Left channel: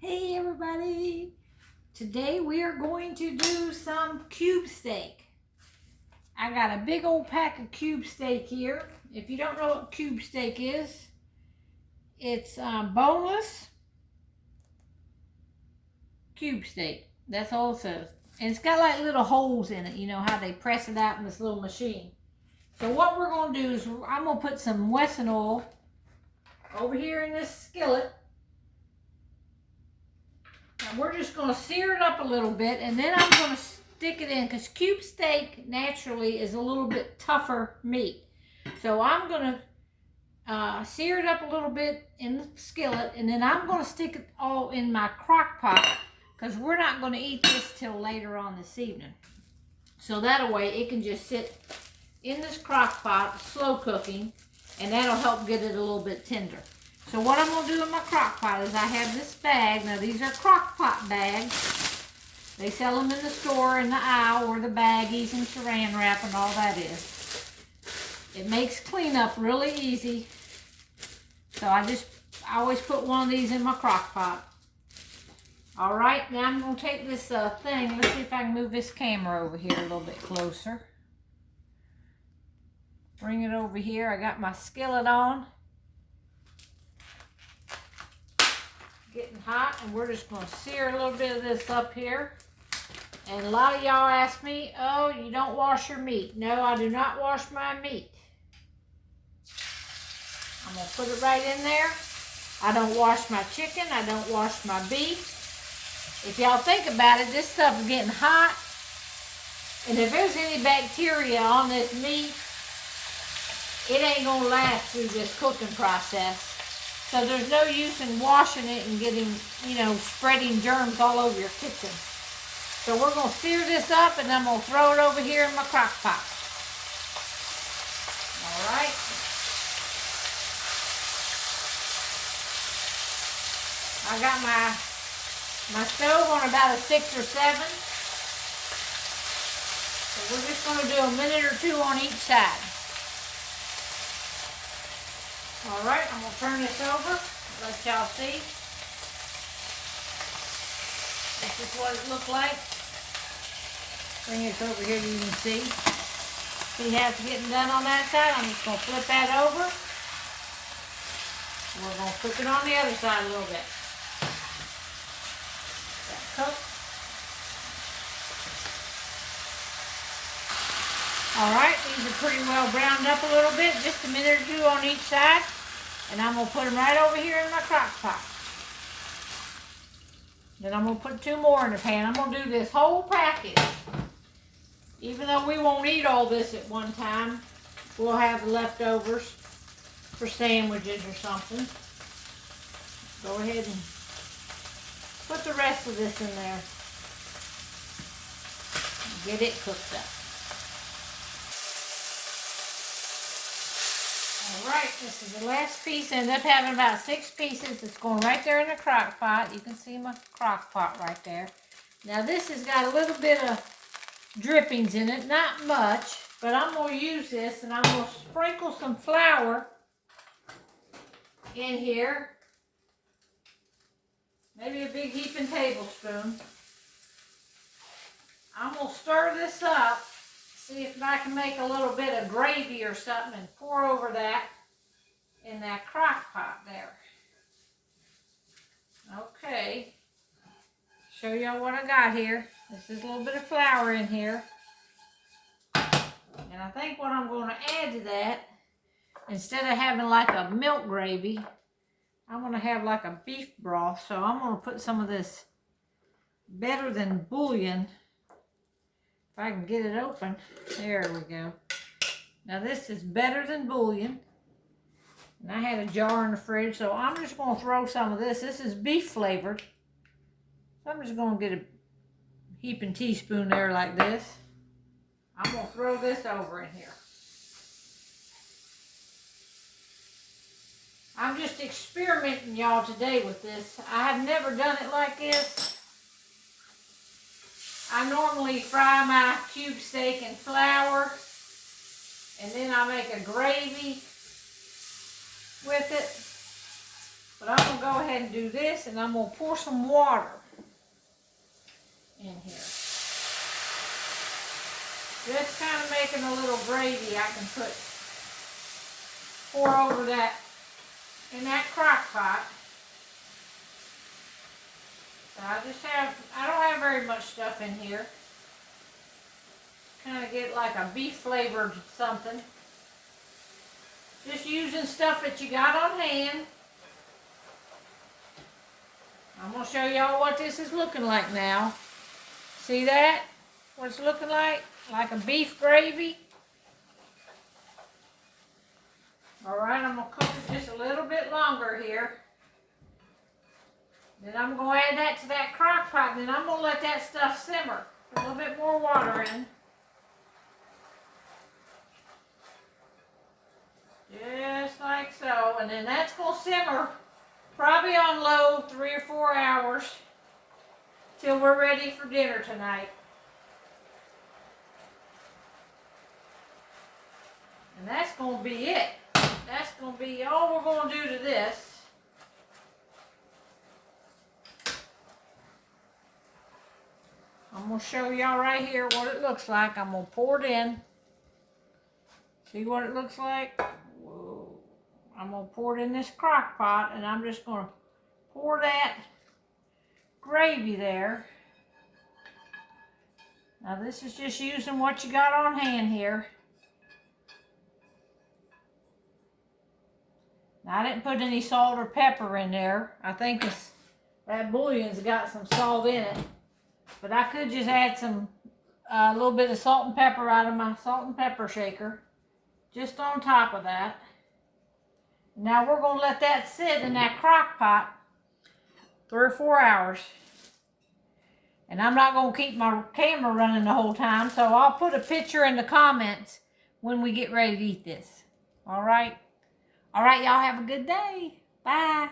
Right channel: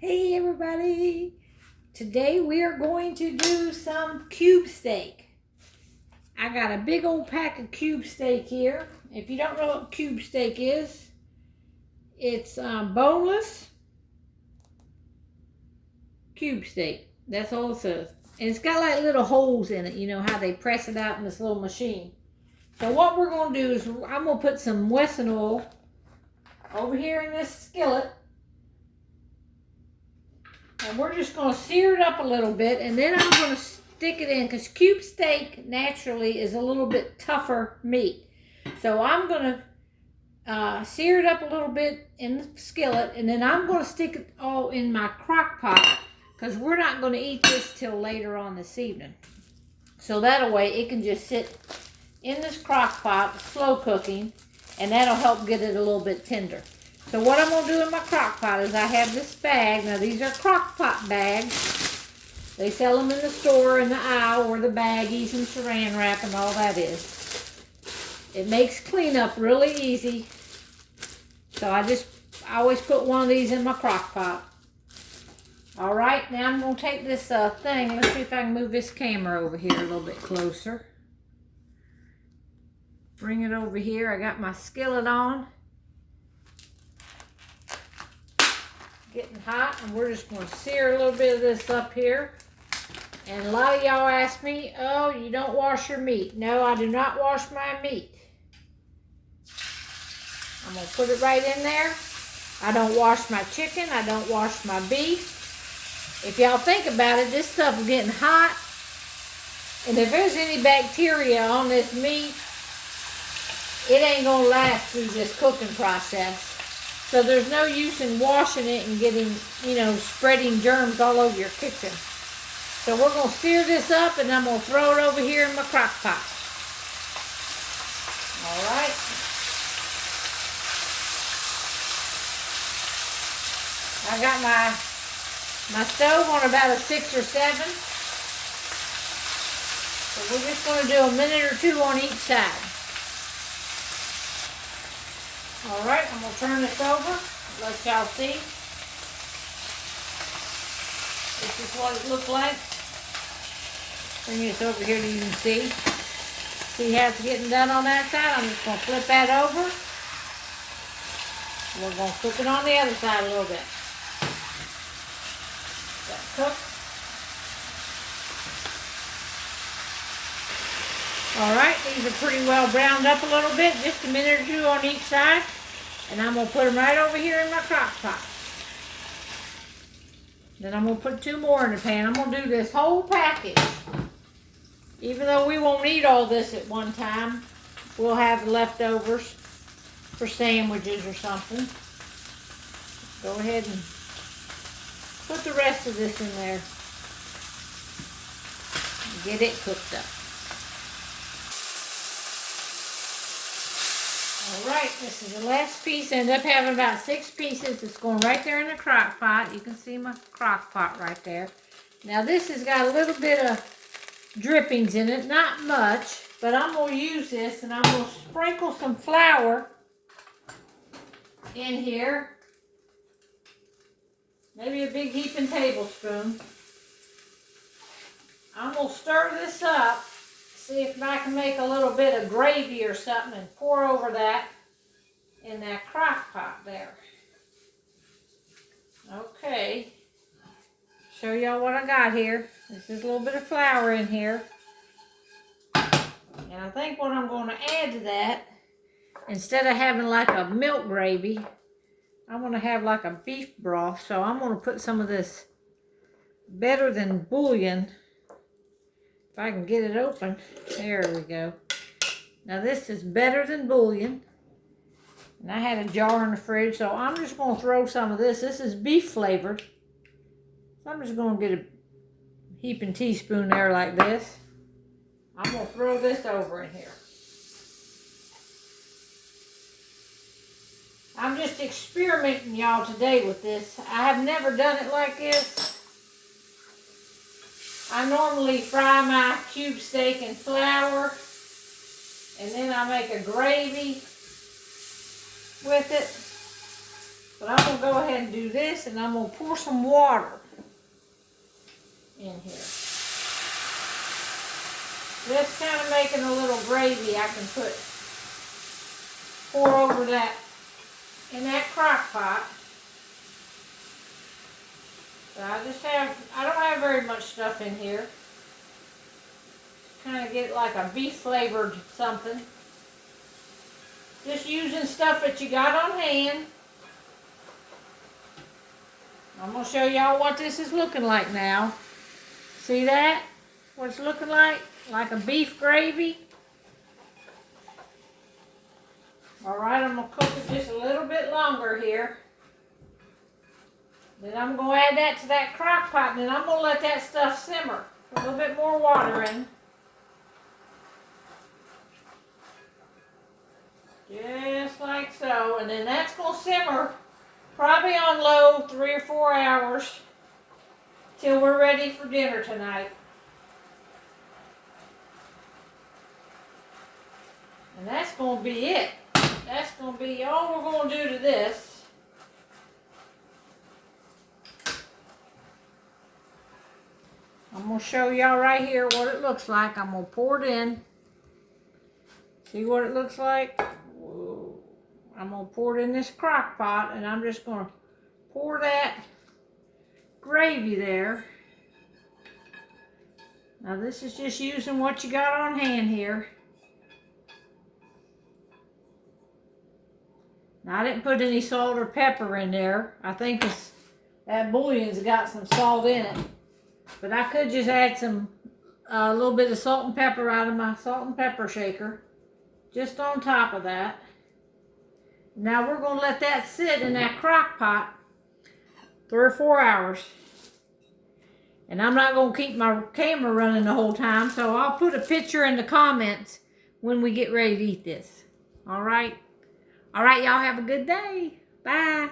Hey everybody! Today we are going to do some cube steak. I got a big old pack of cube steak here. If you don't know what cube steak is, it's boneless cube steak. That's all it says. And it's got like little holes in it. You know how they press it out in this little machine. So what we're going to do is I'm going to put some Wesson oil over here in this skillet. And we're just going to sear it up a little bit, and then I'm going to stick it in, because cube steak naturally is a little bit tougher meat. So I'm going to sear it up a little bit in the skillet, and then I'm going to stick it all in my crock pot, because we're not going to eat this till later on this evening. So that way it can just sit in this crock pot, slow cooking, and that'll help get it a little bit tender. So what I'm going to do in my crock pot is I have this bag. Now these are crock pot bags. They sell them in the store, in the aisle, where the baggies and saran wrap and all that is. It makes cleanup really easy. So I always put one of these in my crock pot. Alright, now I'm going to take this thing. Let's see if I can move this camera over here a little bit closer. Bring it over here. I got my skillet on. Getting hot, and we're just going to sear a little bit of this up here. And a lot of y'all ask me, oh, you don't wash your meat. No, I do not wash my meat. I'm going to put it right in there. I don't wash my chicken. I don't wash my beef. If y'all think about it, this stuff is getting hot. And if there's any bacteria on this meat, it ain't going to last through this cooking process. So there's no use in washing it and getting, spreading germs all over your kitchen. So we're going to sear this up, and I'm going to throw it over here in my crock pot. All right. I got my stove on about a 6 or 7. So we're just going to do a minute or 2 on each side. All right, I'm going to turn this over, let y'all see. This is what it looked like. Bring this over here so you can see. See how it's getting done on that side? I'm just going to flip that over. We're going to cook it on the other side a little bit. That's cooked. All right, these are pretty well browned up a little bit, just a minute or 2 on each side. And I'm going to put them right over here in my crock pot. Then I'm going to put 2 more in the pan. I'm going to do this whole package. Even though we won't eat all this at one time, we'll have leftovers for sandwiches or something. Go ahead and put the rest of this in there. And get it cooked up. Alright, this is the last piece. I ended up having about 6 pieces. It's going right there in the crock pot. You can see my crock pot right there. Now this has got a little bit of drippings in it. Not much, but I'm going to use this, and I'm going to sprinkle some flour in here. Maybe a big heaping tablespoon. I'm going to stir this up. See if I can make a little bit of gravy or something and pour over that in that crock pot there. Okay. Show y'all what I got here. This is a little bit of flour in here. And I think what I'm going to add to that, instead of having like a milk gravy, I'm going to have like a beef broth. So I'm going to put some of this Better Than Bouillon. If I can get it open. There we go. Now this is Better Than Bouillon. And I had a jar in the fridge, so I'm just going to throw some of this. This is beef flavored. So I'm just going to get a heaping teaspoon there like this. I'm going to throw this over in here. I'm just experimenting, y'all, today with this. I have never done it like this. I normally fry my cube steak in flour, and then I make a gravy with it. But I'm going to go ahead and do this, and I'm going to pour some water in here. Just kind of making a little gravy I can pour over that in that crock pot. So I don't have very much stuff in here. Kind of get like a beef flavored something. Just using stuff that you got on hand. I'm going to show y'all what this is looking like now. See that? What it's looking like? Like a beef gravy. Alright, I'm going to cook it just a little bit longer here. Then I'm going to add that to that crock pot, and then I'm going to let that stuff simmer. Put a little bit more water in. Just like so. And then that's going to simmer probably on low 3 or 4 hours till we're ready for dinner tonight. And that's going to be it. That's going to be all we're going to do to this. I'm going to show y'all right here what it looks like. I'm going to pour it in. See what it looks like? Whoa. I'm going to pour it in this crock pot, and I'm just going to pour that gravy there. Now this is just using what you got on hand here. Now I didn't put any salt or pepper in there. I think that bouillon's got some salt in it. But I could just add a little bit of salt and pepper out of my salt and pepper shaker. Just on top of that. Now we're going to let that sit in that crock pot 3 or 4 hours. And I'm not going to keep my camera running the whole time, so I'll put a picture in the comments when we get ready to eat this. All right? All right, y'all have a good day. Bye.